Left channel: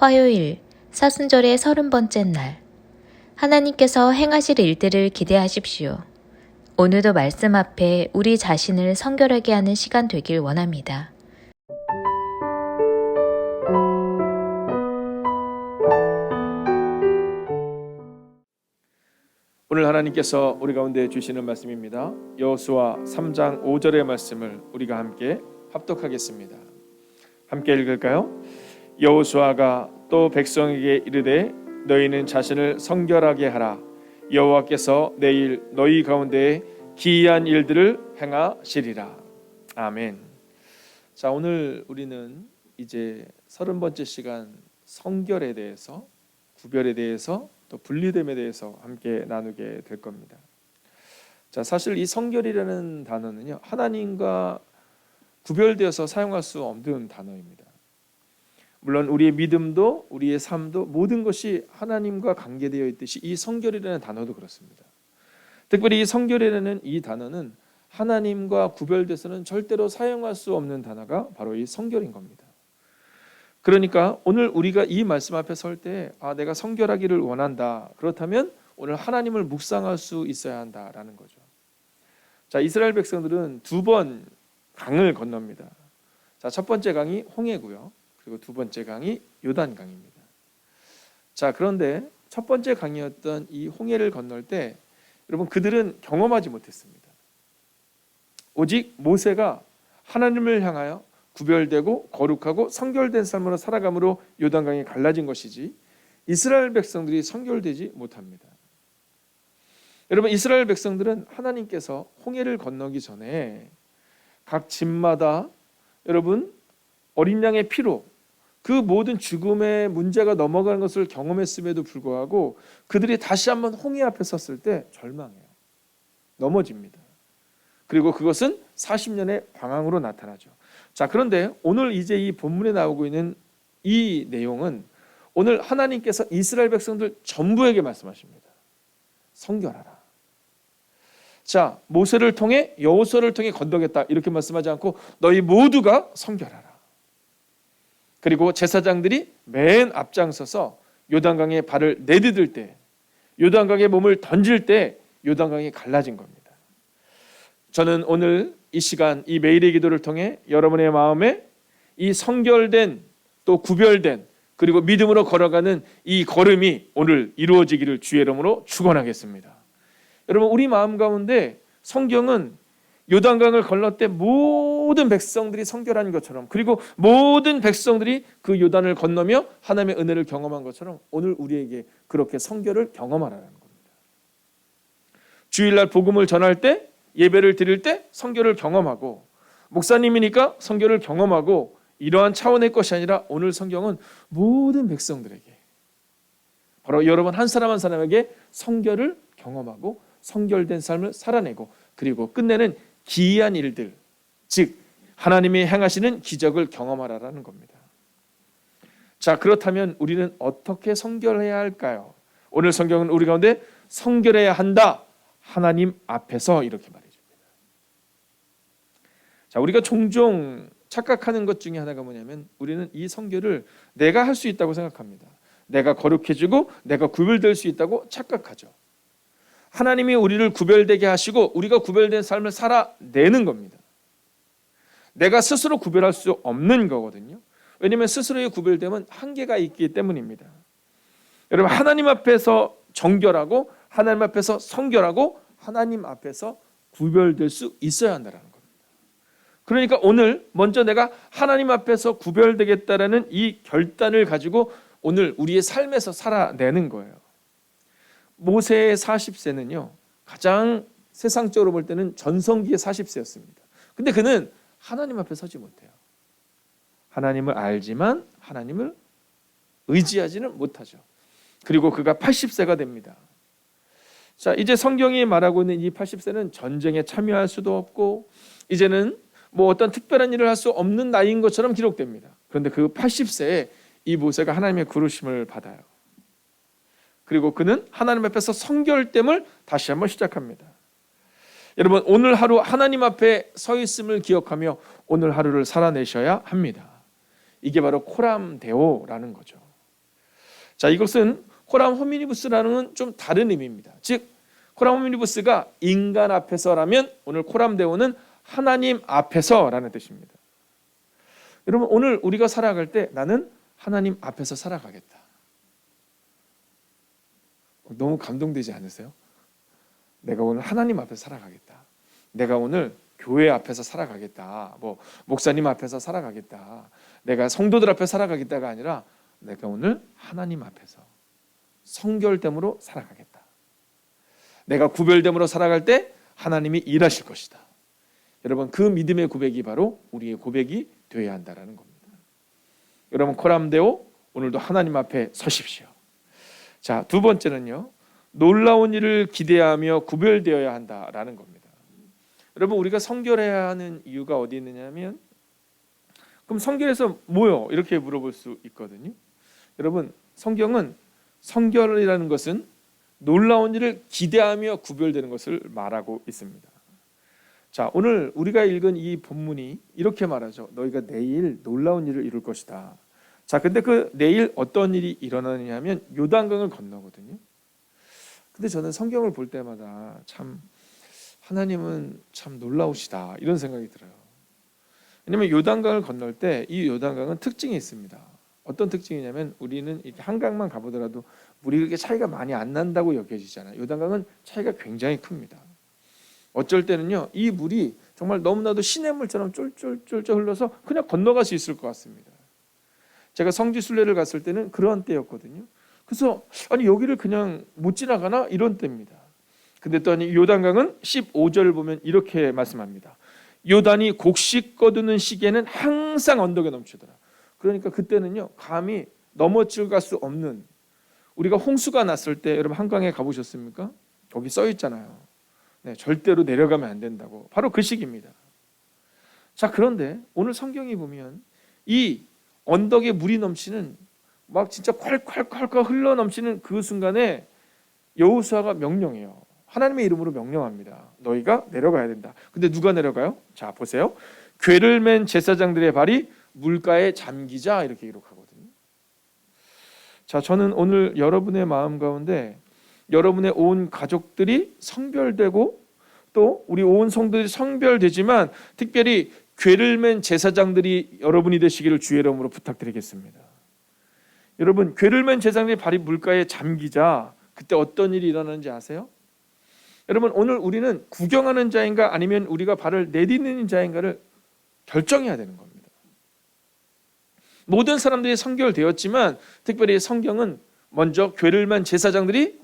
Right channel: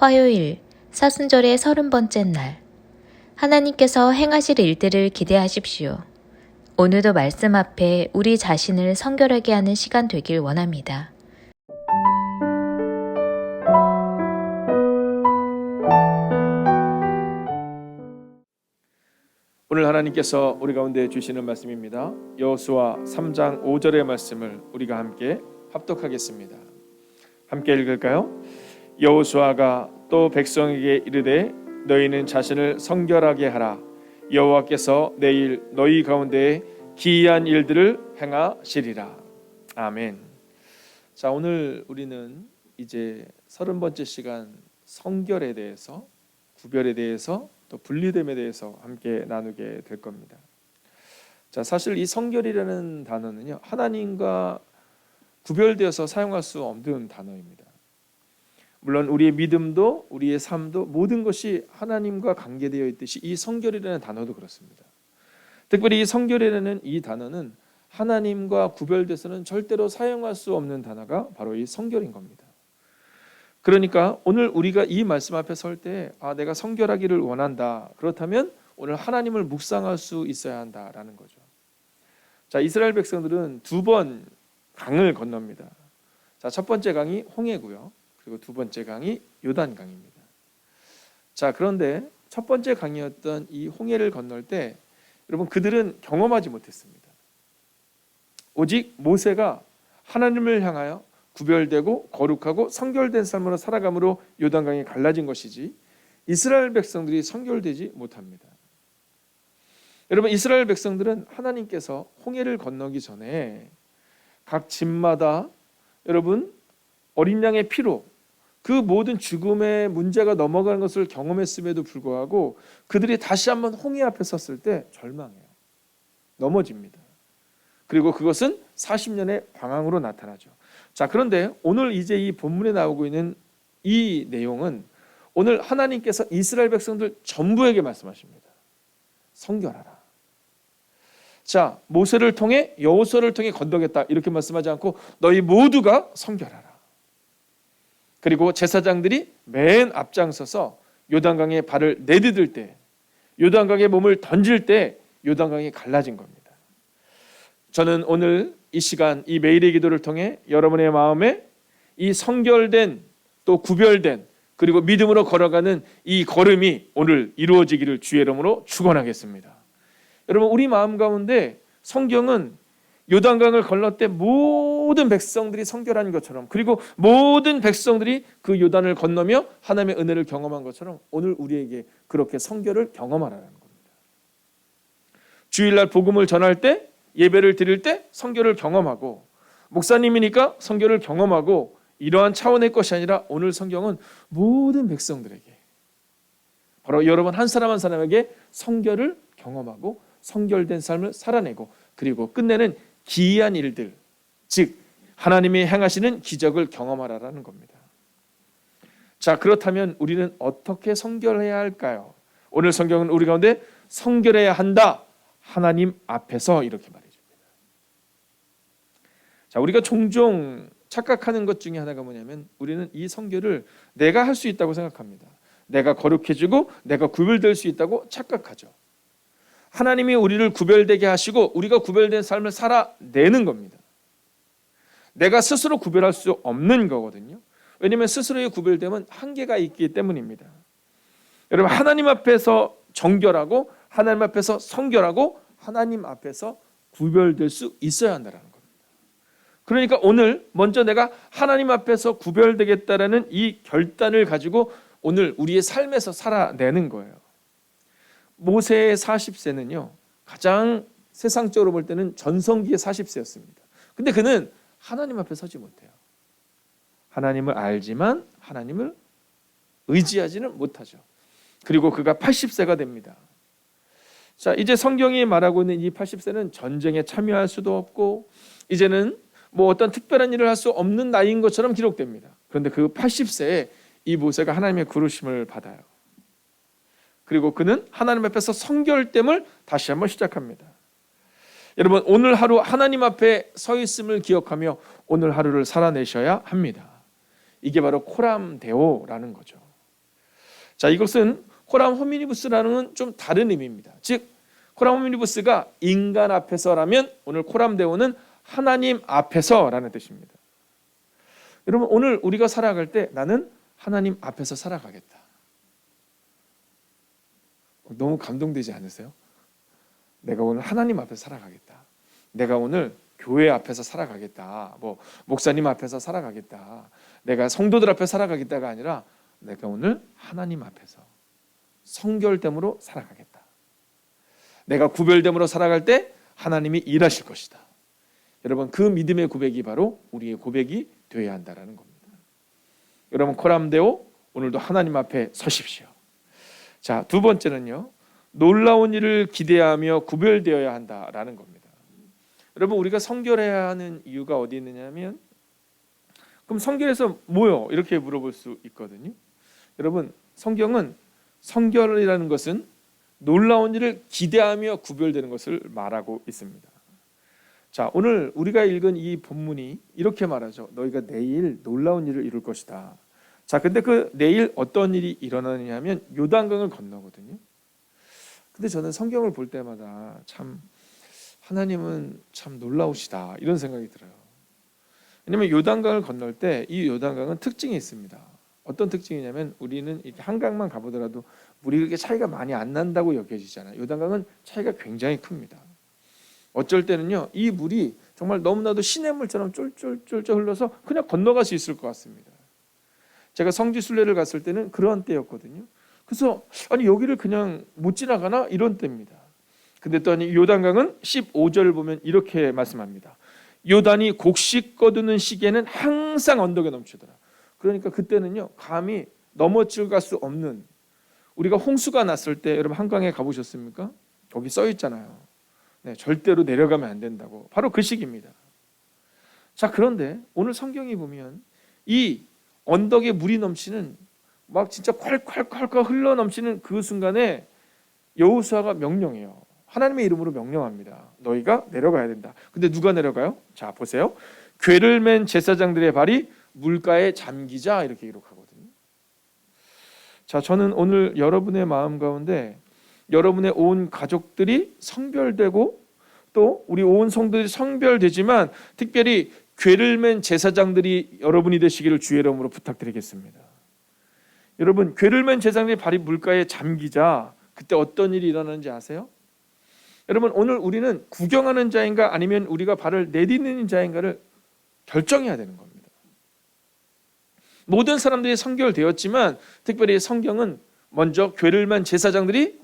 화요일 사순절의 30번째 날, 하나님께서 행하실 일들을 기대하십시오. 오늘도 말씀 앞에 우리 자신을 성결하게 하는 시간 되길 원합니다. 오늘 하나님께서 우리 가운데 주시는 말씀입니다. 여호수아 3장 5절의 말씀을 우리가 함께 합독하겠습니다. 함께 읽을까요? 여호수아가 또 백성에게 이르되 너희는 자신을 성결하게 하라. 여호와께서 내일 너희 가운데에 기이한 일들을 행하시리라. 아멘. 자, 오늘 우리는 이제 30번째 시간 성결에 대해서, 구별에 대해서, 또 분리됨에 대해서 함께 나누게 될 겁니다. 자, 사실 이 성결이라는 단어는요, 하나님과 구별되어서 사용할 수 없는 단어입니다. 물론 우리의 믿음도 우리의 삶도 모든 것이 하나님과 관계되어 있듯이 이 성결이라는 단어도 그렇습니다. 특별히 이 성결이라는 이 단어는 하나님과 구별돼서는 절대로 사용할 수 없는 단어가 바로 이 성결인 겁니다. 그러니까 오늘 우리가 이 말씀 앞에 설 때 내가 성결하기를 원한다. 그렇다면 오늘 하나님을 묵상할 수 있어야 한다라는 거죠. 자, 이스라엘 백성들은 2번 강을 건넙니다. 자, 첫 번째 강이 홍해고요. 그리고 두 번째 강이 요단강입니다. 자, 그런데 첫 번째 강이었던 이 홍해를 건널 때 여러분 그들은 경험하지 못했습니다. 오직 모세가 하나님을 향하여 구별되고 거룩하고 성결된 삶으로 살아감으로 요단강이 갈라진 것이지 이스라엘 백성들이 성결되지 못합니다. 여러분 이스라엘 백성들은 하나님께서 홍해를 건너기 전에 각 집마다 여러분 어린 양의 피로 그 모든 죽음의 문제가 넘어가는 것을 경험했음에도 불구하고 그들이 다시 한번 홍해 앞에 섰을 때 절망해요. 넘어집니다. 그리고 그것은 40년의 방황으로 나타나죠. 자, 그런데 오늘 이제 이 본문에 나오고 있는 이 내용은 오늘 하나님께서 이스라엘 백성들 전부에게 말씀하십니다. 성결하라. 자, 모세를 통해 여호수아를 통해 건너겠다 이렇게 말씀하지 않고 너희 모두가 성결하라. 그리고 제사장들이 맨 앞장서서 요단강에 발을 내디딜 때, 요단강에 몸을 던질 때 요단강이 갈라진 겁니다. 저는 오늘 이 시간 이 매일의 기도를 통해 여러분의 마음에 이 성결된 또 구별된 그리고 믿음으로 걸어가는 이 걸음이 오늘 이루어지기를 주의 이름으로 축원하겠습니다. 여러분 우리 마음 가운데 성경은 요단강을 건널 때 모든 백성들이 성결한 것처럼 그리고 모든 백성들이 그 요단을 건너며 하나님의 은혜를 경험한 것처럼 오늘 우리에게 그렇게 성결을 경험하라는 겁니다. 주일날 복음을 전할 때 예배를 드릴 때 성결을 경험하고 목사님이니까 성결을 경험하고 이러한 차원의 것이 아니라 오늘 성경은 모든 백성들에게 바로 여러분 한 사람 한 사람에게 성결을 경험하고 성결된 삶을 살아내고 그리고 끝내는 기이한 일들, 즉 하나님이 행하시는 기적을 경험하라는 겁니다. 자, 그렇다면 우리는 어떻게 성결해야 할까요? 오늘 성경은 우리 가운데 성결해야 한다. 하나님 앞에서 이렇게 말해줍니다. 자, 우리가 종종 착각하는 것 중에 하나가 뭐냐면 우리는 이 성결을 내가 할 수 있다고 생각합니다. 내가 거룩해지고 내가 구별될 수 있다고 착각하죠. 하나님이 우리를 구별되게 하시고 우리가 구별된 삶을 살아내는 겁니다. 내가 스스로 구별할 수 없는 거거든요. 왜냐하면 스스로의 구별됨은 한계가 있기 때문입니다. 여러분 하나님 앞에서 정결하고 하나님 앞에서 성결하고 하나님 앞에서 구별될 수 있어야 한다는 겁니다. 그러니까 오늘 먼저 내가 하나님 앞에서 구별되겠다라는 이 결단을 가지고 오늘 우리의 삶에서 살아내는 거예요. 모세의 40세는요 가장 세상적으로 볼 때는 전성기의 40세였습니다. 근데 그는 하나님 앞에 서지 못해요. 하나님을 알지만 하나님을 의지하지는 못하죠. 그리고 그가 80세가 됩니다. 자, 이제 성경이 말하고 있는 이 80세는 전쟁에 참여할 수도 없고 이제는 뭐 어떤 특별한 일을 할 수 없는 나이인 것처럼 기록됩니다. 그런데 그 80세에 이 모세가 하나님의 부르심을 받아요. 그리고 그는 하나님 앞에서 성결됨을 다시 한번 시작합니다. 여러분 오늘 하루 하나님 앞에 서 있음을 기억하며 오늘 하루를 살아내셔야 합니다. 이게 바로 코람데오라는 거죠. 자, 이것은 호람 호미니부스라는 좀 다른 의미입니다. 즉 호람 호미니부스가 인간 앞에서라면 오늘 코람데오는 하나님 앞에서라는 뜻입니다. 여러분, 오늘 우리가 살아갈 때 나는 하나님 앞에서 살아가겠다. 너무 감동되지 않으세요? 내가 오늘 하나님 앞에서 살아가겠다. 내가 오늘 교회 앞에서 살아가겠다. 뭐 목사님 앞에서 살아가겠다. 내가 성도들 앞에 살아가겠다가 아니라 내가 오늘 하나님 앞에서 성결됨으로 살아가겠다. 내가 구별됨으로 살아갈 때 하나님이 일하실 것이다. 여러분, 그 믿음의 고백이 바로 우리의 고백이 되어야 한다는 겁니다. 여러분, 코람데오, 오늘도 하나님 앞에 서십시오. 자, 두 번째는요, 놀라운 일을 기대하며 구별되어야 한다라는 겁니다. 여러분, 우리가 성결해야 하는 이유가 어디 있느냐면, 그럼 성결해서 뭐요? 이렇게 물어볼 수 있거든요. 여러분, 성경은 성결이라는 것은 놀라운 일을 기대하며 구별되는 것을 말하고 있습니다. 자, 오늘 우리가 읽은 이 본문이 이렇게 말하죠. 너희가 내일 놀라운 일을 이룰 것이다. 자, 근데 그 내일 어떤 일이 일어나느냐 하면 요단강을 건너거든요. 근데 저는 성경을 볼 때마다 참 하나님은 참 놀라우시다 이런 생각이 들어요. 왜냐하면 요단강을 건널 때 이 요단강은 특징이 있습니다. 어떤 특징이냐면 우리는 이렇게 한강만 가보더라도 물이 그렇게 차이가 많이 안 난다고 여겨지잖아요. 요단강은 차이가 굉장히 큽니다. 어쩔 때는요, 이 물이 정말 너무나도 시냇물처럼 쫄쫄쫄쫄 흘러서 그냥 건너갈 수 있을 것 같습니다. 제가 성지순례를 갔을 때는 그런 때였거든요. 그래서 아니 여기를 그냥 못 지나가나 이런 때입니다. 근데 또 아니 요단강은 15절을 보면 이렇게 말씀합니다. 요단이 곡식 거두는 시기에는 항상 언덕에 넘치더라. 그러니까 그때는요, 감히 넘어갈 수 없는, 우리가 홍수가 났을 때 여러분 한강에 가보셨습니까? 거기 써 있잖아요. 네, 절대로 내려가면 안 된다고. 바로 그 시기입니다. 자, 그런데 오늘 성경이 보면 이 언덕에 물이 넘치는 막 진짜 콸콸콸콸 흘러 넘치는 그 순간에 여호수아가 명령해요. 하나님의 이름으로 명령합니다. 너희가 내려가야 된다. 근데 누가 내려가요? 자, 보세요. 궤를 맨 제사장들의 발이 물가에 잠기자 이렇게 기록하거든요. 자, 저는 오늘 여러분의 마음 가운데 여러분의 온 가족들이 성별되고 또 우리 온 성도들이 성별되지만 특별히 궤를 맨 제사장들이 여러분이 되시기를 주의 이름으로 부탁드리겠습니다. 여러분, 궤를 맨 제사장들의 발이 물가에 잠기자 그때 어떤 일이 일어나는지 아세요? 여러분, 오늘 우리는 구경하는 자인가 아니면 우리가 발을 내딛는 자인가를 결정해야 되는 겁니다. 모든 사람들이 성결되었지만 특별히 성경은 먼저 궤를 맨 제사장들이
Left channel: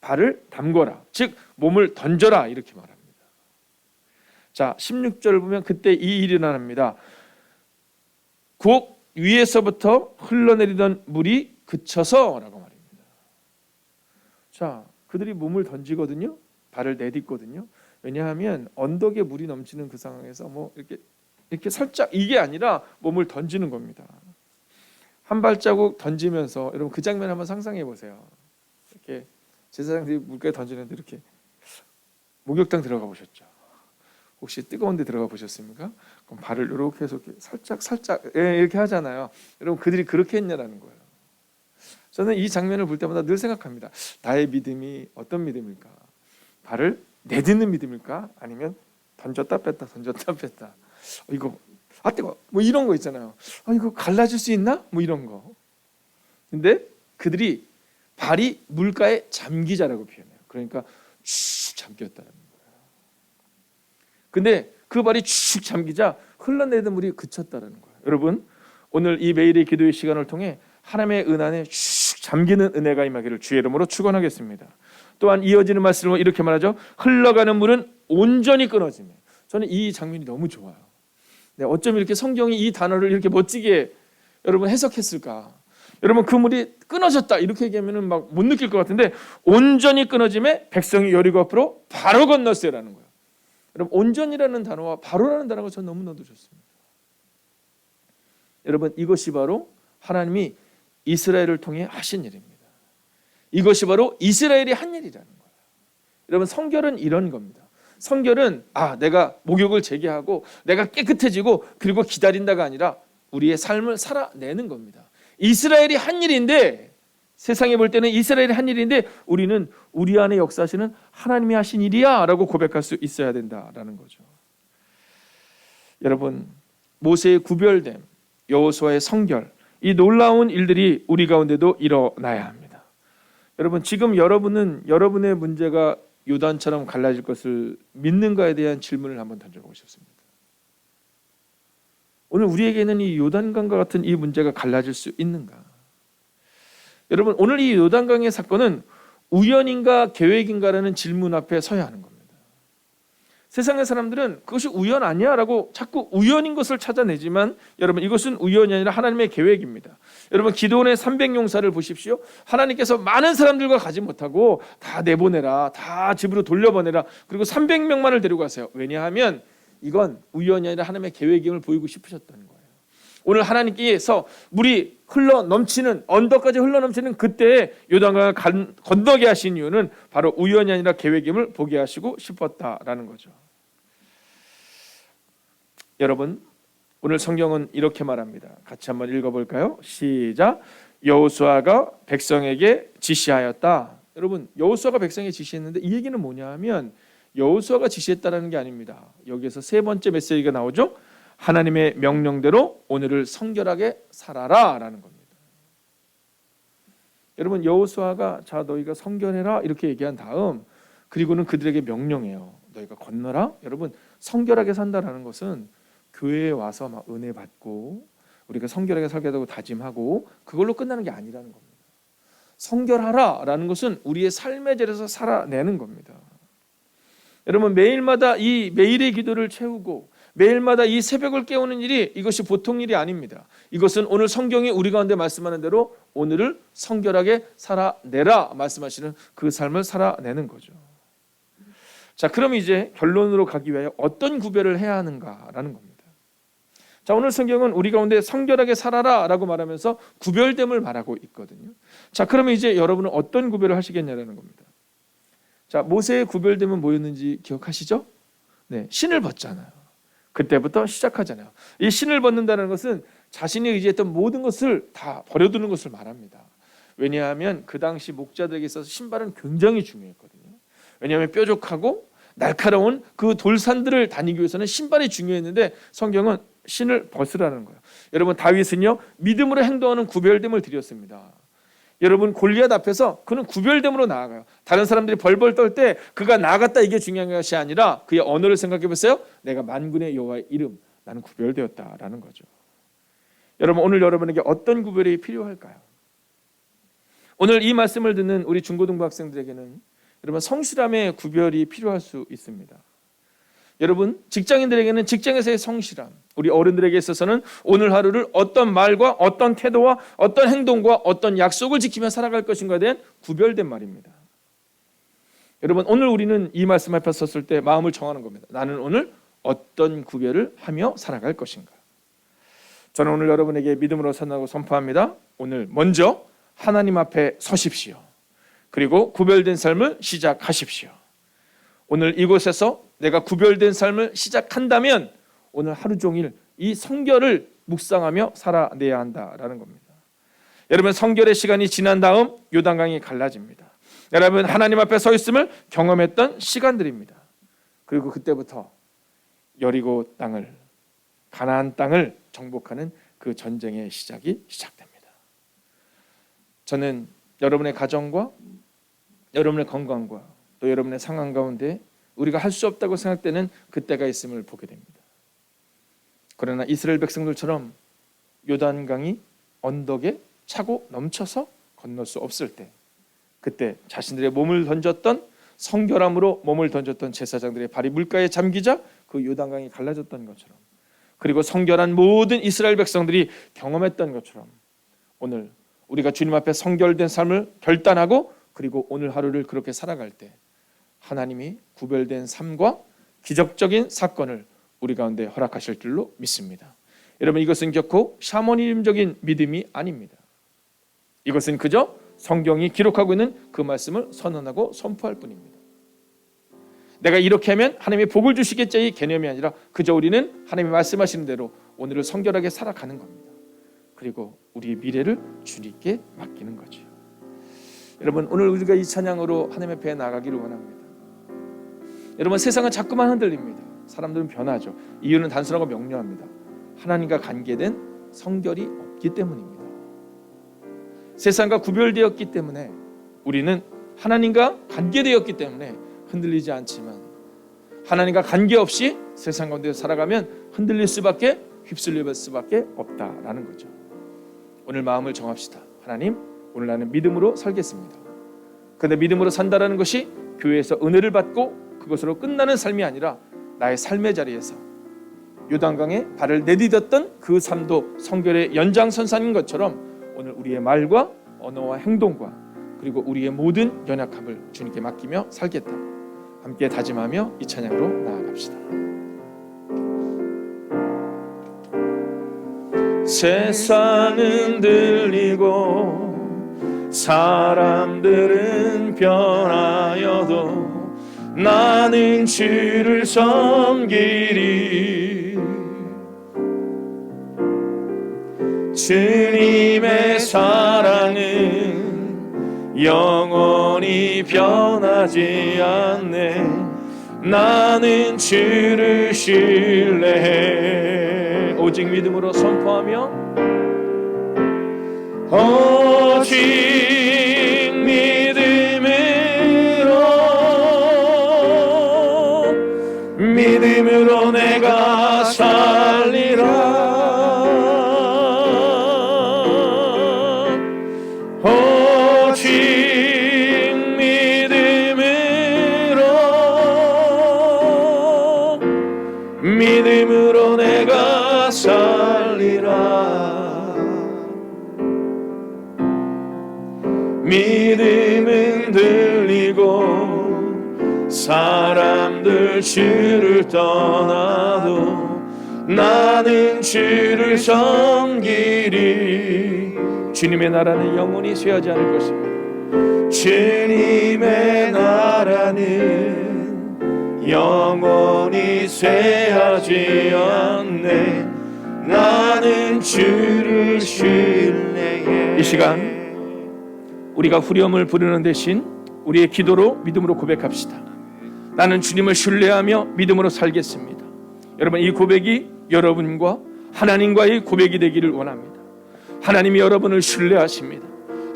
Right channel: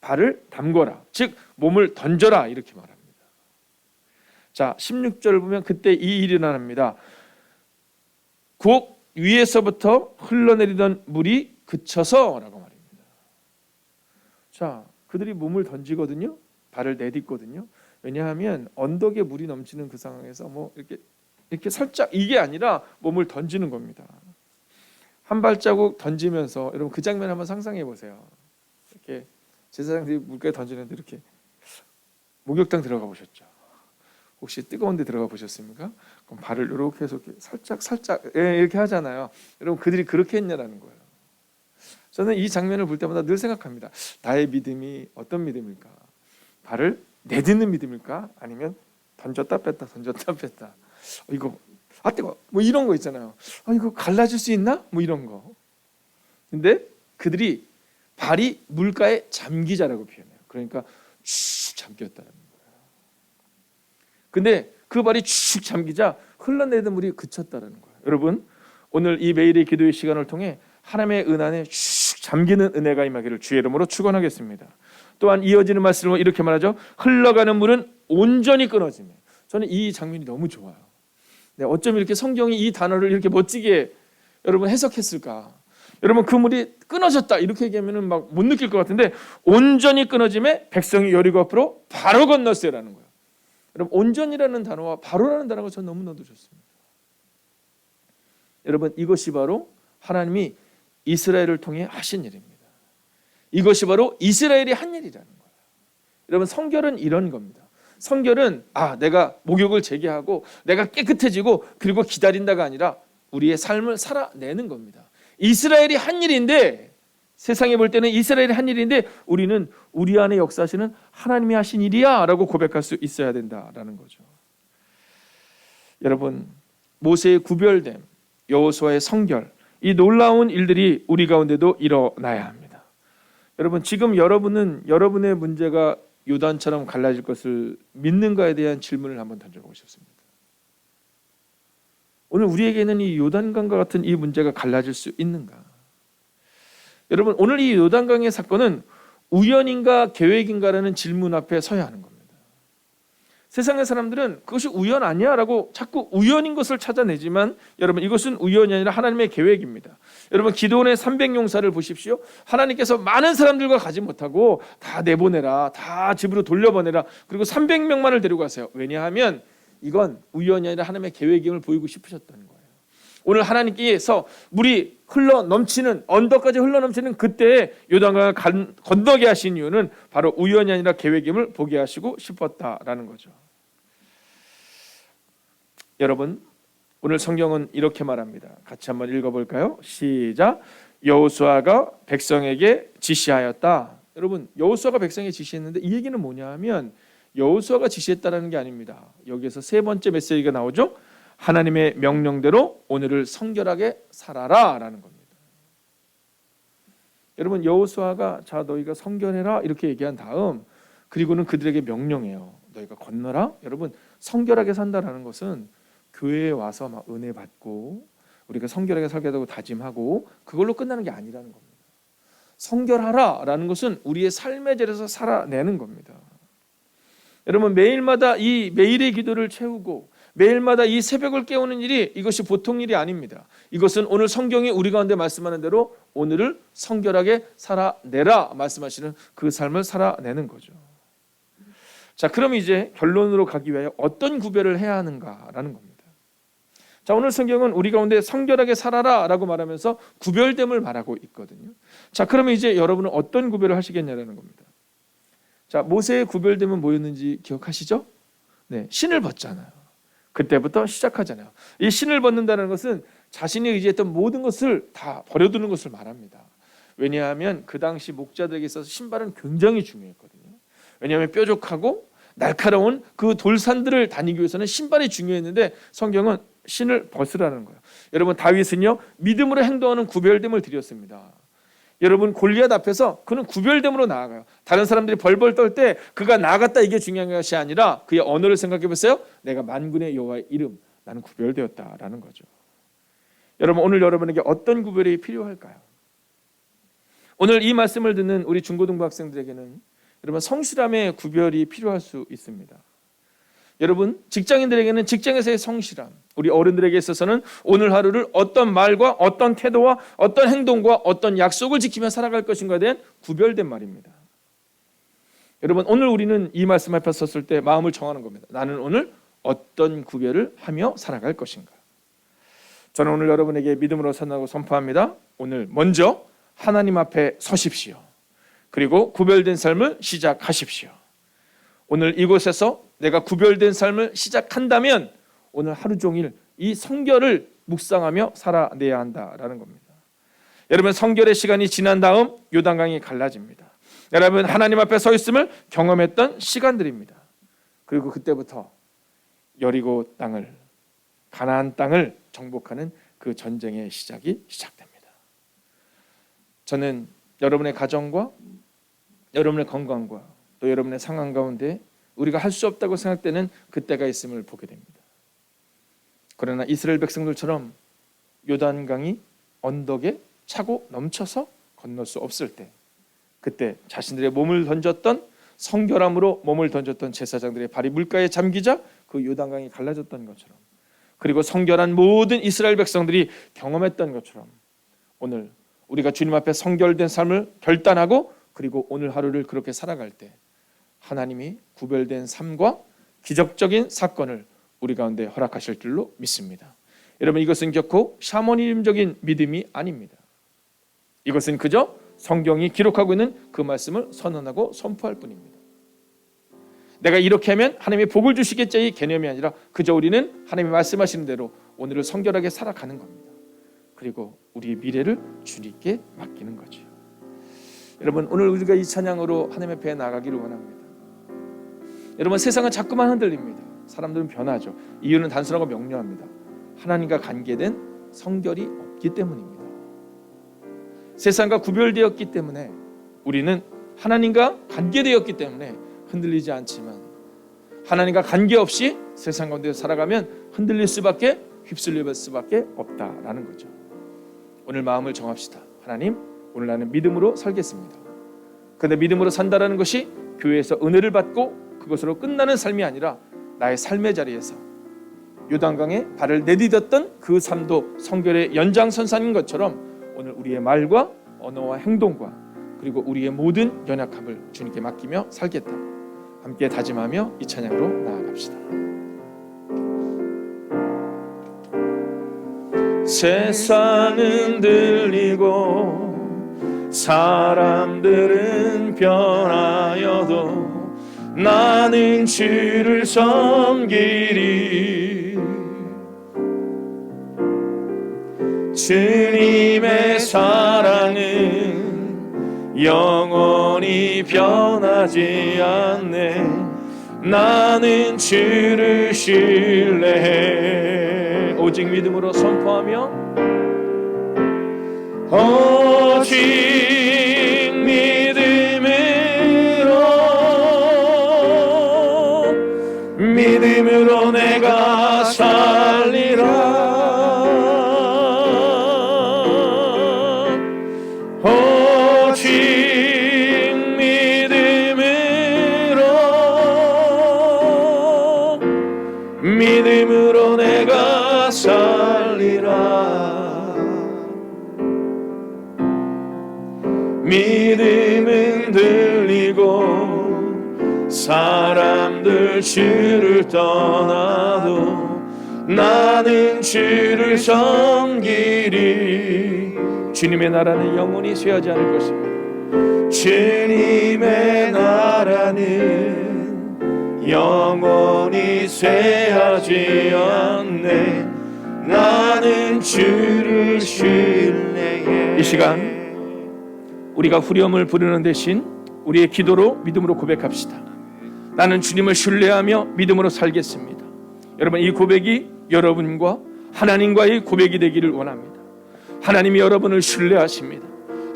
발을 담거라, 즉 몸을 던져라 이렇게 말합니다. 자, 16절을 보면 그때 이 일이 일어납니다. 곧 위에서부터 흘러내리던 물이 그쳐서라고 말입니다. 자, 그들이 몸을 던지거든요. 발을 내딛거든요. 왜냐하면 언덕에 물이 넘치는 그 상황에서 뭐 이렇게 살짝 이게 아니라 몸을 던지는 겁니다. 한 발자국 던지면서 여러분 그 장면 한번 상상해 보세요. 이렇게 제사장들이 물가에 던지는데 이렇게 목욕탕 들어가 보셨죠? 혹시 뜨거운 데 들어가 보셨습니까? 그럼 발을 이렇게 해서 이렇게 살짝 이렇게 하잖아요. 여러분 그들이 그렇게 했냐라는 거예요. 저는 이 장면을 볼 때마다 늘 생각합니다. 나의 믿음이 어떤 믿음일까? 발을 내딛는 믿음일까? 아니면 던졌다 뺐다 던졌다 뺐다. 이거 뜨거 뭐 이런 거 있잖아요. 이거 갈라질 수 있나? 뭐 이런 거. 근데 그들이 발이 물가에 잠기자라고 표현해요. 그러니까 쭉 잠겼다는 거예요. 근데 그 발이 쭉 잠기자 흘러내리던 물이 그쳤다는 거예요. 여러분, 오늘 이 매일의 기도의 시간을 통해 하나님의 은안에 쭉 잠기는 은혜가 임하기를 주의 이름으로 축원하겠습니다. 또한 이어지는 말씀은 이렇게 말하죠. 흘러가는 물은 온전히 끊어지며. 저는 이 장면이 너무 좋아요. 네, 어쩜 이렇게 성경이 이 단어를 이렇게 멋지게 여러분 해석했을까? 여러분 그 물이 끊어졌다 이렇게 얘기하면 막 못 느낄 것 같은데 온전히 끊어짐에 백성이 여리고 앞으로 바로 건넜어요라는 거예요. 여러분 온전이라는 단어와 바로라는 단어가 전 너무나도 좋습니다. 여러분 이것이 바로 하나님이 이스라엘을 통해 하신 일입니다. 이것이 바로 이스라엘이 한 일이라는 거예요. 여러분 성결은 이런 겁니다. 성결은 내가 목욕을 재개하고 내가 깨끗해지고 그리고 기다린다가 아니라 우리의 삶을 살아내는 겁니다. 이스라엘이 한 일인데 세상에 볼 때는 이스라엘이 한 일인데 우리는 우리 안에 역사하시는 하나님이 하신 일이야 라고 고백할 수 있어야 된다라는 거죠. 여러분, 모세의 구별됨, 여호수아의 성결, 이 놀라운 일들이 우리 가운데도 일어나야 합니다. 여러분, 지금 여러분은 여러분의 문제가 요단처럼 갈라질 것을 믿는가에 대한 질문을 한번 던져보고 싶습니다. 오늘 우리에게는 이 요단강과 같은 이 문제가 갈라질 수 있는가? 여러분, 오늘 이 요단강의 사건은 우연인가 계획인가라는 질문 앞에 서야 하는 겁니다. 세상의 사람들은 그것이 우연 아니야 라고 자꾸 우연인 것을 찾아내지만 여러분, 이것은 우연이 아니라 하나님의 계획입니다. 여러분, 기도원의 300용사를 보십시오. 하나님께서 많은 사람들과 가지 못하고 다 내보내라, 다 집으로 돌려보내라, 그리고 300명만을 데리고 가세요. 왜냐하면 이건 우연이 아니라 하나님의 계획임을 보이고 싶으셨다는 거예요. 오늘 하나님께서 물이 흘러 넘치는, 언덕까지 흘러 넘치는 그때에 요단강을 건너게 하신 이유는 바로 우연이 아니라 계획임을 보게 하시고 싶었다라는 거죠. 여러분, 오늘 성경은 이렇게 말합니다. 같이 한번 읽어볼까요? 시작. 여호수아가 백성에게 지시하였다. 여러분, 여호수아가 백성에게 지시했는데 이 얘기는 뭐냐 하면 여호수아가 지시했다라는 게 아닙니다. 여기에서 세 번째 메시지가 나오죠. 하나님의 명령대로 오늘을 성결하게 살아라 라는 겁니다. 여러분, 여호수아가 자 너희가 성결해라 이렇게 얘기한 다음 그리고는 그들에게 명령해요. 너희가 건너라. 여러분, 성결하게 산다라는 것은 교회에 와서 막 은혜 받고 우리가 성결하게 살겠다고 다짐하고 그걸로 끝나는 게 아니라는 겁니다. 성결하라 라는 것은 우리의 삶의 자리에서 살아내는 겁니다. 여러분, 매일마다 이 매일의 기도를 채우고 매일마다 이 새벽을 깨우는 일이 이것이 보통 일이 아닙니다. 이것은 오늘 성경이 우리 가운데 말씀하는 대로 오늘을 성결하게 살아내라 말씀하시는 그 삶을 살아내는 거죠. 자, 그럼 이제 결론으로 가기 위하여 어떤 구별을 해야 하는가라는 겁니다. 자, 오늘 성경은 우리 가운데 성결하게 살아라 라고 말하면서 구별됨을 말하고 있거든요. 자, 그러면 이제 여러분은 어떤 구별을 하시겠냐라는 겁니다. 자, 모세의 구별됨은 뭐였는지 기억하시죠? 네, 신을 벗잖아요. 그때부터 시작하잖아요. 이 신을 벗는다는 것은 자신이 의지했던 모든 것을 다 버려두는 것을 말합니다. 왜냐하면 그 당시 목자들에게 있어서 신발은 굉장히 중요했거든요. 왜냐하면 뾰족하고 날카로운 그 돌산들을 다니기 위해서는 신발이 중요했는데 성경은 신을 벗으라는 거예요. 여러분, 다윗은요 믿음으로 행동하는 구별됨을 드렸습니다. 여러분, 골리앗 앞에서 그는 구별됨으로 나아가요. 다른 사람들이 벌벌 떨 때 그가 나아갔다 이게 중요한 것이 아니라 그의 언어를 생각해 보세요. 내가 만군의 여호와의 이름, 나는 구별되었다라는 거죠. 여러분, 오늘 여러분에게 어떤 구별이 필요할까요? 오늘 이 말씀을 듣는 우리 중고등부 학생들에게는 여러분, 성실함의 구별이 필요할 수 있습니다. 여러분, 직장인들에게는 직장에서의 성실함, 우리 어른들에게 있어서는 오늘 하루를 어떤 말과 어떤 태도와 어떤 행동과 어떤 약속을 지키며 살아갈 것인가에 대한 구별된 말입니다. 여러분, 오늘 우리는 이 말씀 앞에 섰을 때 마음을 정하는 겁니다. 나는 오늘 어떤 구별을 하며 살아갈 것인가. 저는 오늘 여러분에게 믿음으로 선하고 선포합니다. 오늘 먼저 하나님 앞에 서십시오. 그리고 구별된 삶을 시작하십시오. 오늘 이곳에서 내가 구별된 삶을 시작한다면 오늘 하루 종일 이 성결을 묵상하며 살아내야 한다라는 겁니다. 여러분, 성결의 시간이 지난 다음 요단강이 갈라집니다. 여러분, 하나님 앞에 서 있음을 경험했던 시간들입니다. 그리고 그때부터 여리고 땅을, 가나안 땅을 정복하는 그 전쟁의 시작이 시작됩니다. 저는 여러분의 가정과 여러분의 건강과 또 여러분의 상황 가운데 우리가 할 수 없다고 생각되는 그때가 있음을 보게 됩니다. 그러나 이스라엘 백성들처럼 요단강이 언덕에 차고 넘쳐서 건널 수 없을 때, 그때 자신들의 몸을 던졌던, 성결함으로 몸을 던졌던 제사장들의 발이 물가에 잠기자 그 요단강이 갈라졌던 것처럼, 그리고 성결한 모든 이스라엘 백성들이 경험했던 것처럼 오늘 우리가 주님 앞에 성결된 삶을 결단하고 그리고 오늘 하루를 그렇게 살아갈 때 하나님이 구별된 삶과 기적적인 사건을 우리 가운데 허락하실 줄로 믿습니다. 여러분, 이것은 결코 샤머니즘적인 믿음이 아닙니다. 이것은 그저 성경이 기록하고 있는 그 말씀을 선언하고 선포할 뿐입니다. 내가 이렇게 하면 하나님이 복을 주시겠지 이 개념이 아니라 그저 우리는 하나님이 말씀하시는 대로 오늘을 성결하게 살아가는 겁니다. 그리고 우리의 미래를 주님께 맡기는 거죠. 여러분, 오늘 우리가 이 찬양으로 하나님 앞에 나가기를 원합니다. 여러분, 세상은 자꾸만 흔들립니다. 사람들은 변하죠. 이유는 단순하고 명료합니다. 하나님과 관계된 성결이 없기 때문입니다. 세상과 구별되었기 때문에, 우리는 하나님과 관계되었기 때문에 흔들리지 않지만, 하나님과 관계없이 세상 가운데 살아가면 흔들릴 수밖에, 휩쓸릴 수밖에 없다라는 거죠. 오늘 마음을 정합시다. 하나님, 오늘 나는 믿음으로 살겠습니다. 그런데 믿음으로 산다라는 것이 교회에서 은혜를 받고 그것으로 끝나는 삶이 아니라 나의 삶의 자리에서 요단강에 발을 내디뎠던 그 삶도 성결의 연장선상인 것처럼, 오늘 우리의 말과 언어와 행동과 그리고 우리의 모든 연약함을 주님께 맡기며 살겠다. 함께 다짐하며 이 찬양으로 나아갑시다. 세상은 들리고 사람들은 변하여도 나는 주를 섬기리. 주님의 사랑은 영원히 변하지 않네. 나는 주를 신뢰해. 오직 믿음으로 선포하며, 오직 믿음으로 내가 살리라. 오직 믿음으로 내가 살리라. 믿음은 들리고 사람들 주를 떠나도 나는 주를 섬기리. 주님의 나라는 영원히 쇠하지 않을 것입니다. 주님의 나라는 영원히 쇠하지 않네. 나는 주를 신뢰해. 이 시간 우리가 후렴을 부르는 대신 우리의 기도로 믿음으로 고백합시다. 나는 주님을 신뢰하며 믿음으로 살겠습니다. 여러분, 이 고백이 여러분과 하나님과의 고백이 되기를 원합니다. 하나님이 여러분을 신뢰하십니다.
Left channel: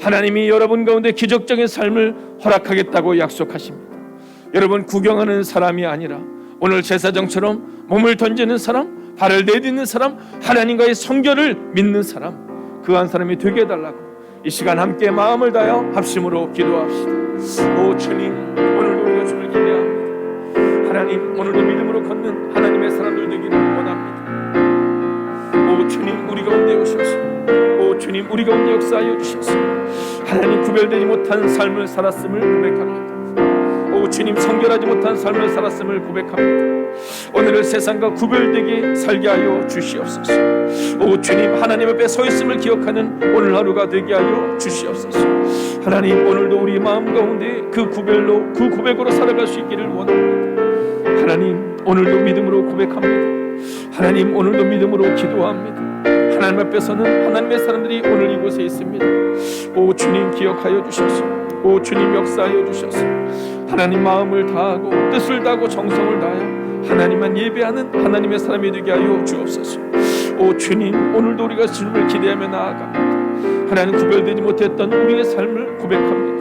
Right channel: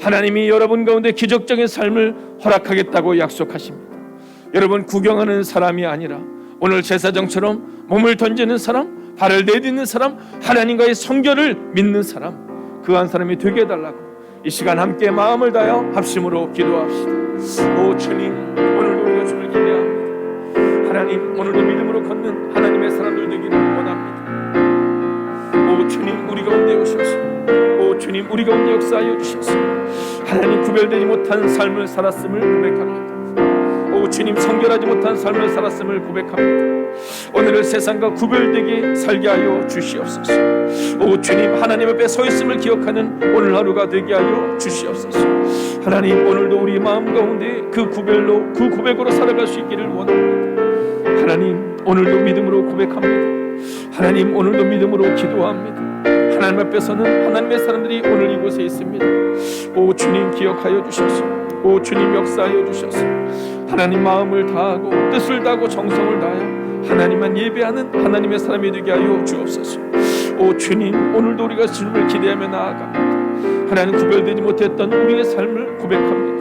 하나님이 여러분 가운데 기적적인 삶을 허락하겠다고 약속하십니다. 여러분, 구경하는 사람이 아니라 오늘 제사장처럼 몸을 던지는 사람, 발을 내딛는 사람, 하나님과의 성결을 믿는 사람, 그 한 사람이 되게 해달라고 이 시간 함께 마음을 다하여 합심으로 기도합시다. 오 주님, 오늘도 우리가 주를 기대합니다. 하나님, 오늘도 믿음으로 걷는 하나님의 사람들 되기를 원합니다. 오 주님, 우리 가운데 오셔서, 오 주님, 우리 가운데 역사하여 주셔서 하나님 구별되지 못한 삶을 살았음을 고백합니다. 오 주님, 성결하지 못한 삶을 살았음을 고백합니다. 오늘을 세상과 구별되게 살게 하여 주시옵소서. 오 주님, 하나님 앞에 서 있음을 기억하는 오늘 하루가 되게 하여 주시옵소서. 하나님, 오늘도 우리 마음 가운데 그 구별로, 그 고백으로 살아갈 수 있기를 원합니다. 하나님, 오늘도 믿음으로 고백합니다. 하나님, 오늘도 믿음으로 기도합니다. 하나님 앞에서는 하나님의 사람들이 오늘 이곳에 있습니다. 오 주님, 기억하여 주셔서, 오 주님, 역사하여 주셔서 하나님 마음을 다하고 뜻을 다하고 정성을 다하여 하나님만 예배하는 하나님의 사람이 되게 하여 주옵소서. 오 주님, 오늘도 우리가 주님을 기대하며 나아갑니다. 하나님, 구별되지 못했던 우리의 삶을 고백합니다.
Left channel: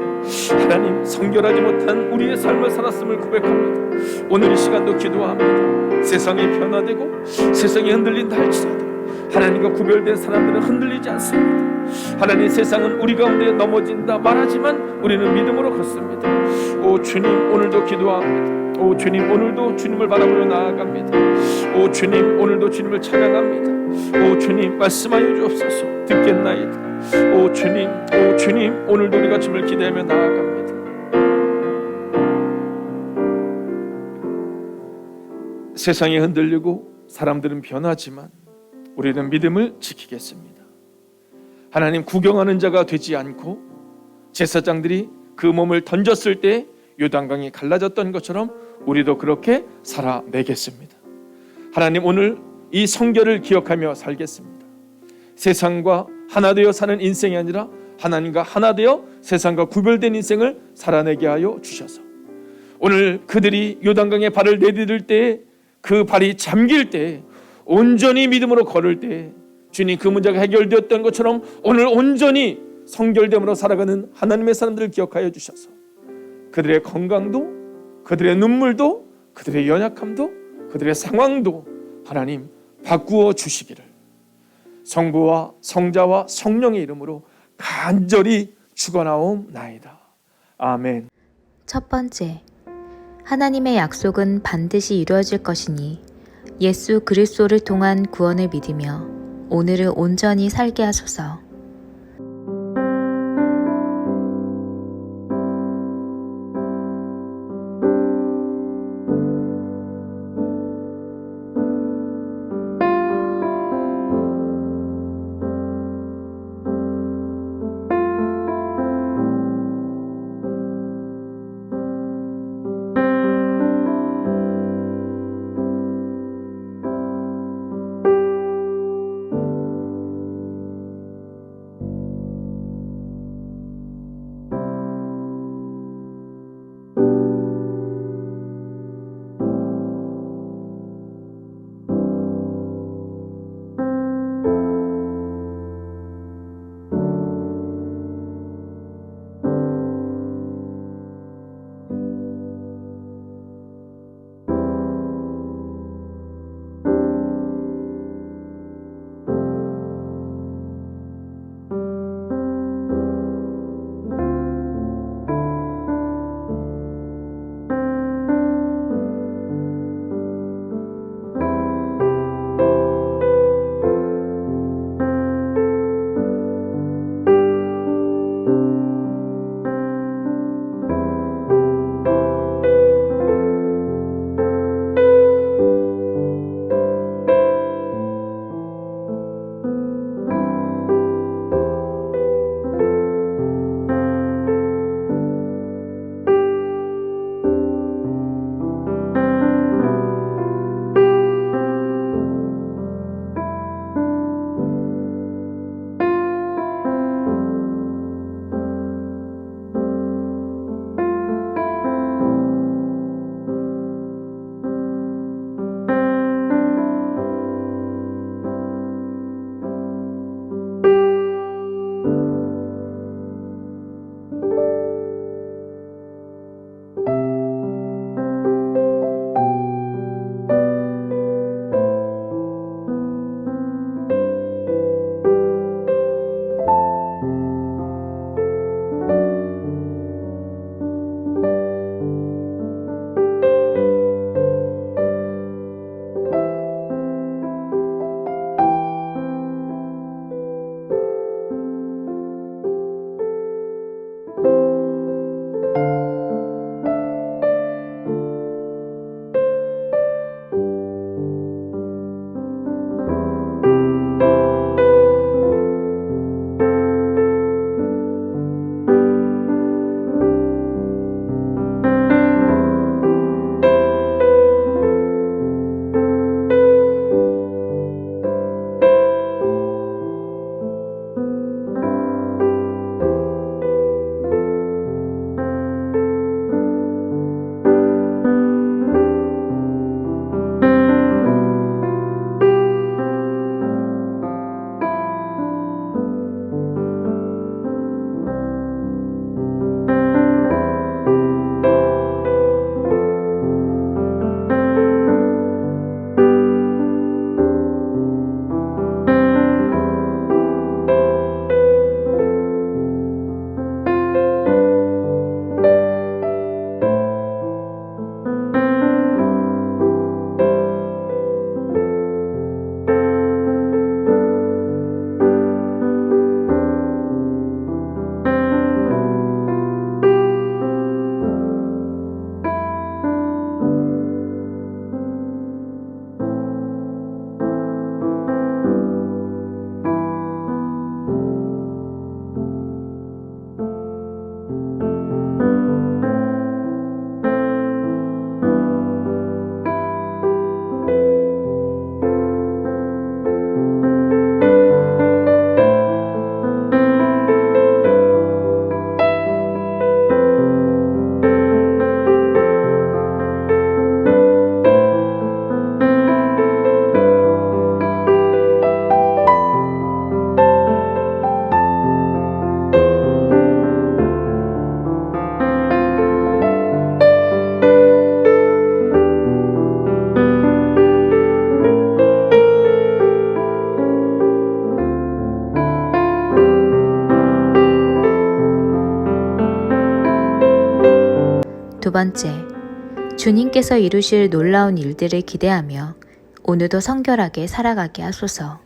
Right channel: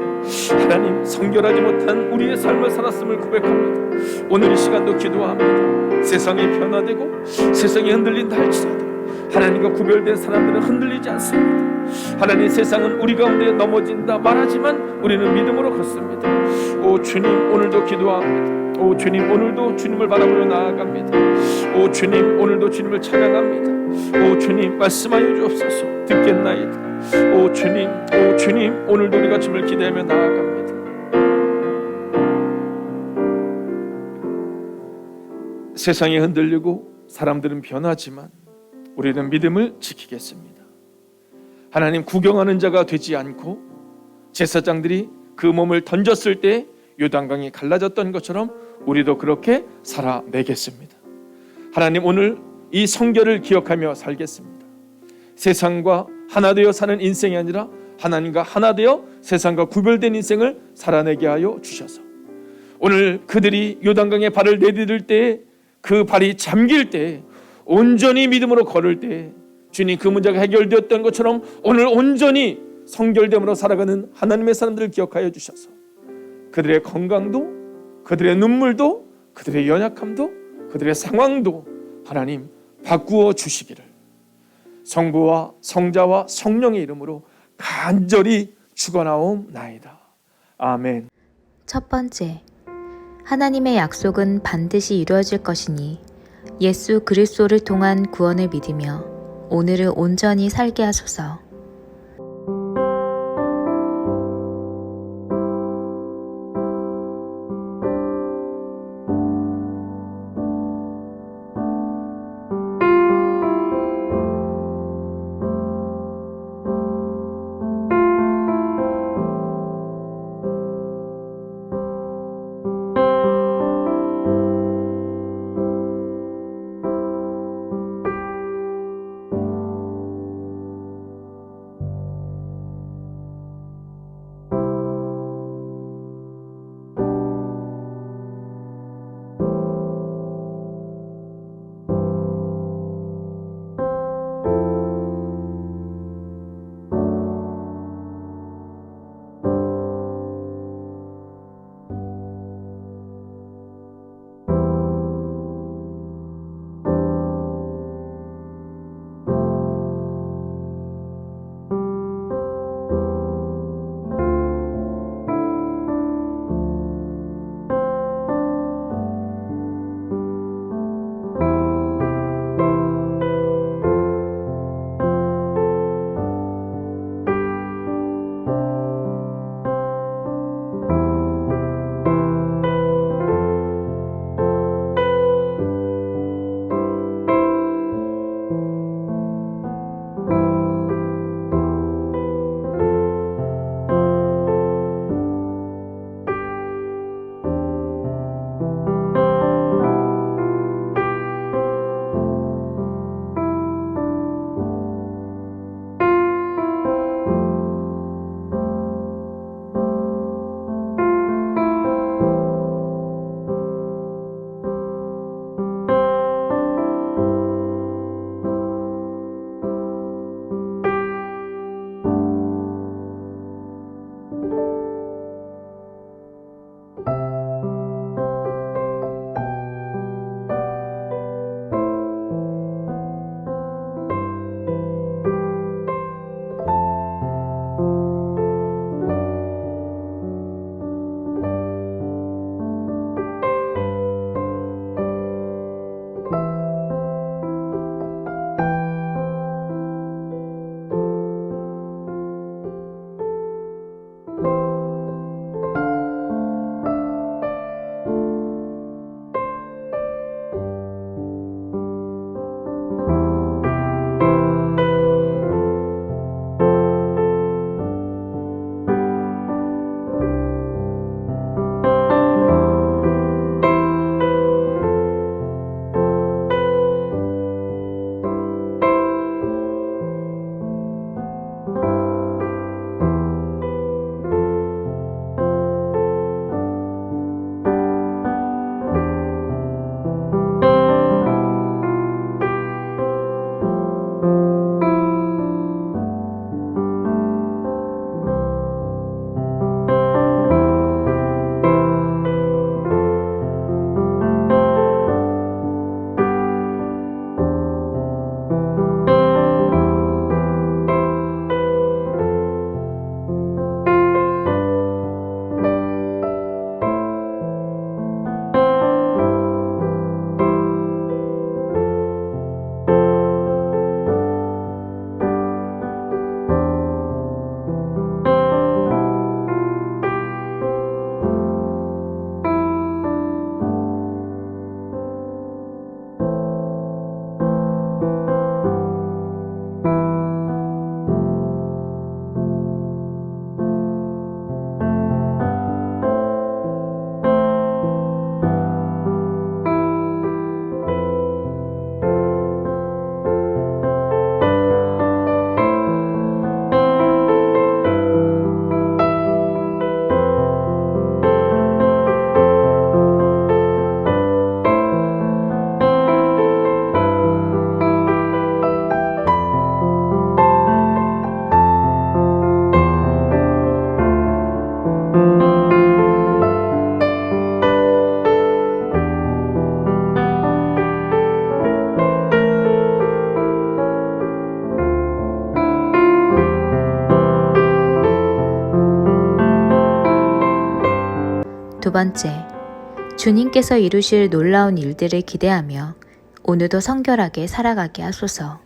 하나님, 성결하지 못한 우리의 삶을 살았음을 고백합니다. 오늘 이 시간도 기도합니다. 세상이 변화되고 세상이 흔들린다 할지라도 하나님과 구별된 사람들은 흔들리지 않습니다. 하나님, 세상은 우리 가운데 넘어진다 말하지만 우리는 믿음으로 걷습니다. 오 주님, 오늘도 기도합니다. 오 주님, 오늘도 주님을 바라보며 나아갑니다. 오 주님, 오늘도 주님을 찬양합니다. 오 주님, 말씀하여 주옵소서. 듣겠나이다. 오 주님, 오 주님, 오늘도 우리가 주님을 기대하며 나아갑니다. 세상이 흔들리고 사람들은 변하지만 우리는 믿음을 지키겠습니다. 하나님, 구경하는 자가 되지 않고 제사장들이 그 몸을 던졌을 때 요단강이 갈라졌던 것처럼 우리도 그렇게 살아내겠습니다. 하나님, 오늘 이 성결을 기억하며 살겠습니다. 세상과 하나 되어 사는 인생이 아니라 하나님과 하나 되어 세상과 구별된 인생을 살아내게 하여 주셔서 오늘 그들이 요단강에 발을 내디딜 때 그 발이 잠길 때 온전히 믿음으로 걸을 때 주님 그 문제가 해결되었던 것처럼 오늘 온전히 성결됨으로 살아가는 하나님의 사람들을 기억하여 주셔서 그들의 건강도 그들의 눈물도 그들의 연약함도 그들의 상황도 하나님 바꾸어 주시기를 성부와 성자와 성령의 이름으로 간절히 축원하옵나이다. 아멘. 첫 번째, 하나님의 약속은 반드시 이루어질 것이니 예수 그리스도를 통한 구원을 믿으며 오늘을 온전히 살게 하소서. 두 번째, 주님께서 이루실 놀라운 일들을 기대하며 오늘도 성결하게 살아가게 하소서.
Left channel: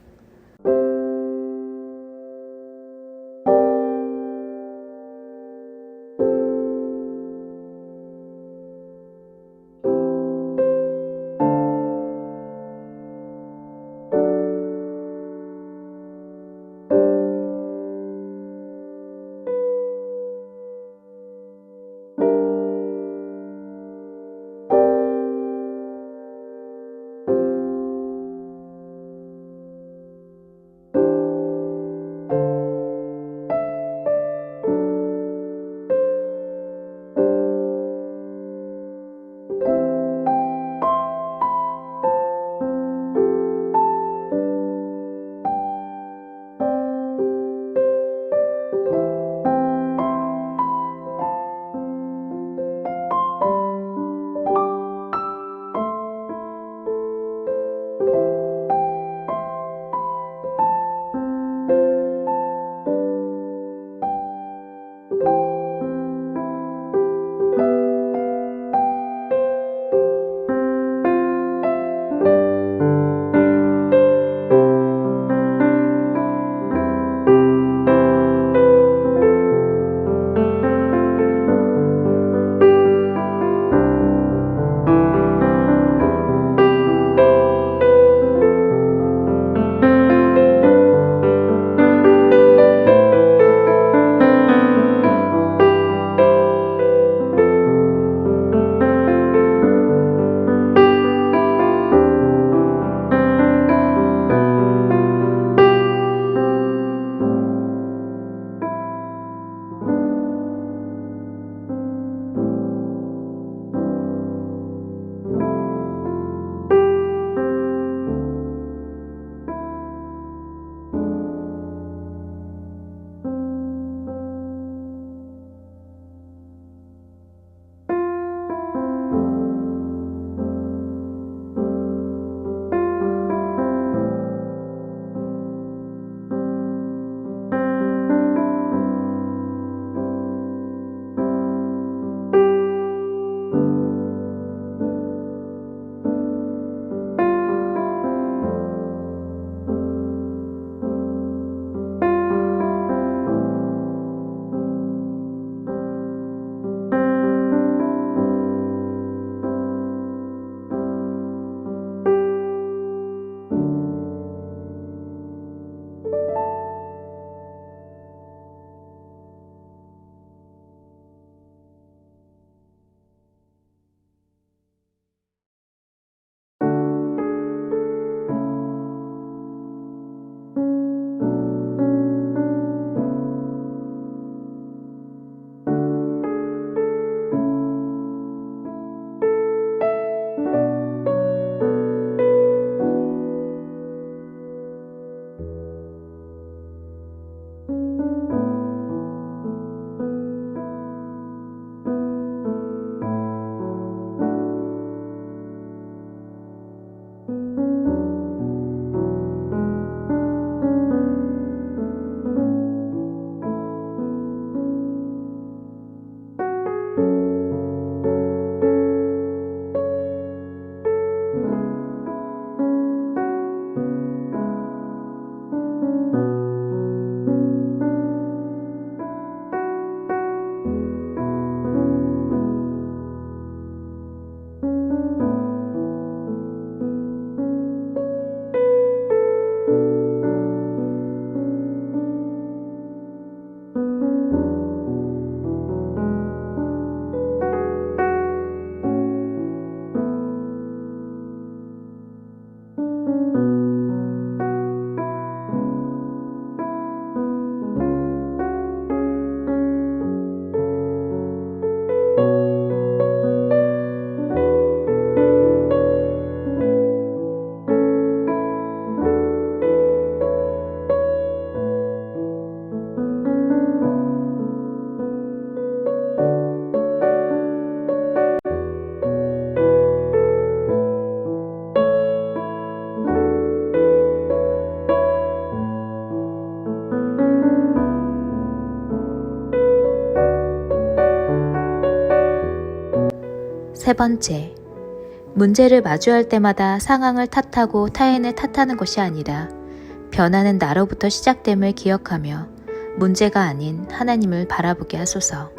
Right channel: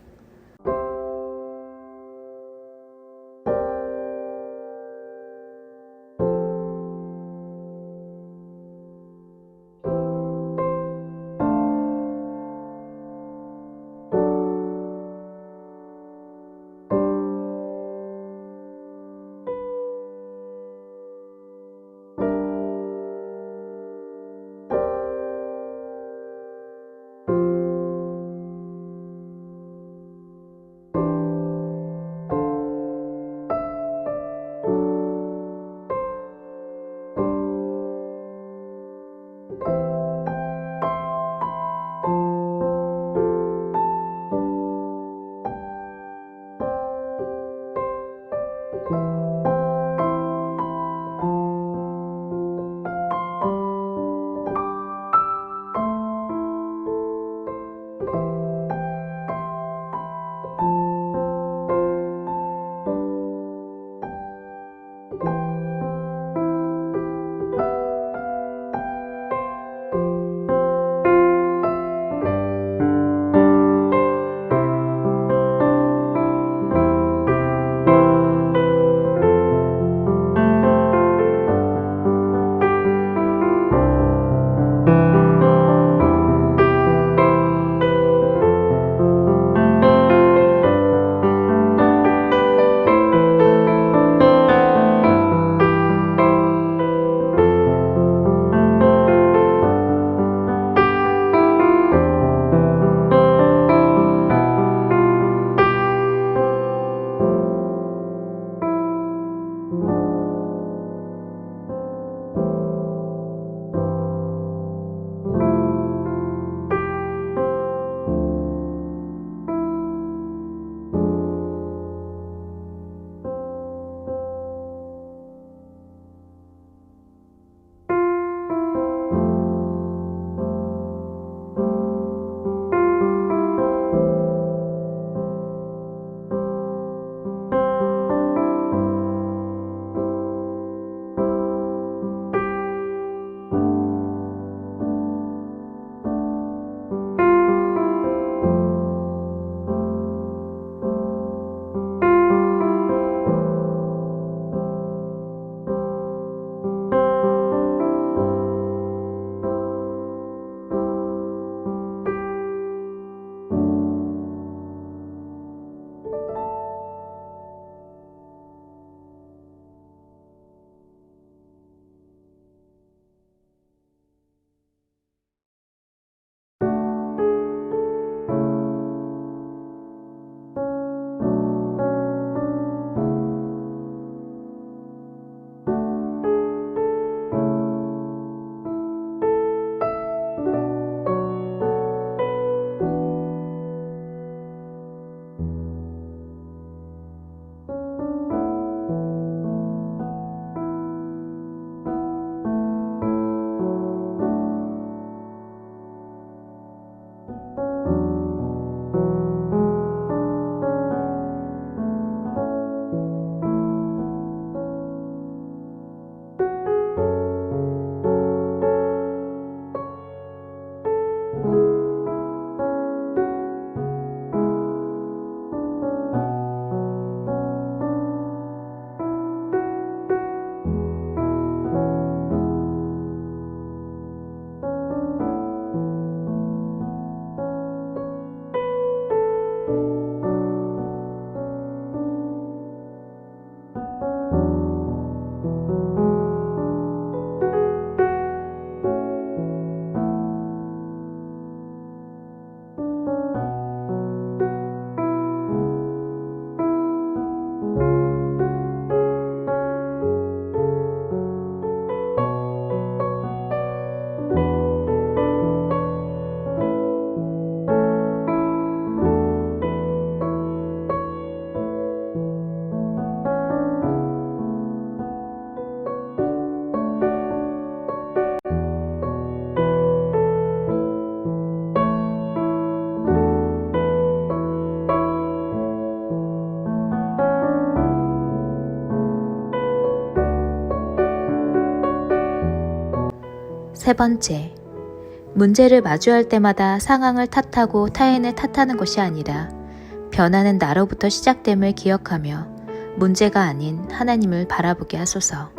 세 번째, 문제를 마주할 때마다 상황을 탓하고 타인을 탓하는 것이 아니라 변화는 나로부터 시작됨을 기억하며 문제가 아닌 하나님을 바라보게 하소서.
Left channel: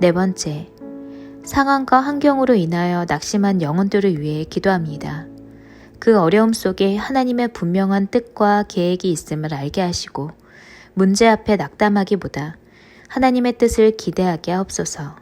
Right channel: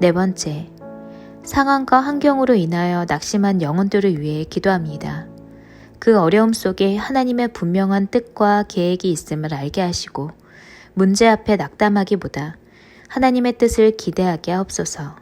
네 번째, 상황과 환경으로 인하여 낙심한 영혼들을 위해 기도합니다. 그 어려움 속에 하나님의 분명한 뜻과 계획이 있음을 알게 하시고 문제 앞에 낙담하기보다 하나님의 뜻을 기대하게 하옵소서.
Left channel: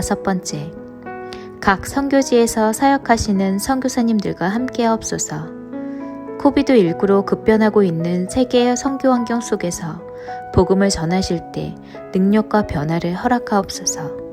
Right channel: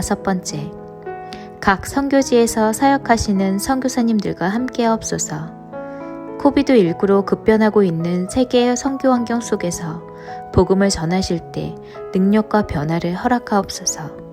5번째, 각 선교지에서 사역하시는 선교사님들과 함께하옵소서. 코비드19로 급변하고 있는 세계의 선교 환경 속에서 복음을 전하실 때 능력과 변화를 허락하옵소서.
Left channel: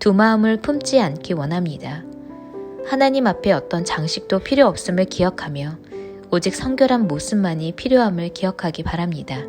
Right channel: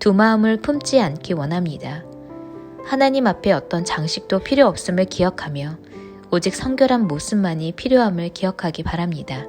두 마음을 품지 않기 원합니다. 하나님 앞에 어떤 장식도 필요 없음을 기억하며 오직 성결한 모습만이 필요함을 기억하기 바랍니다.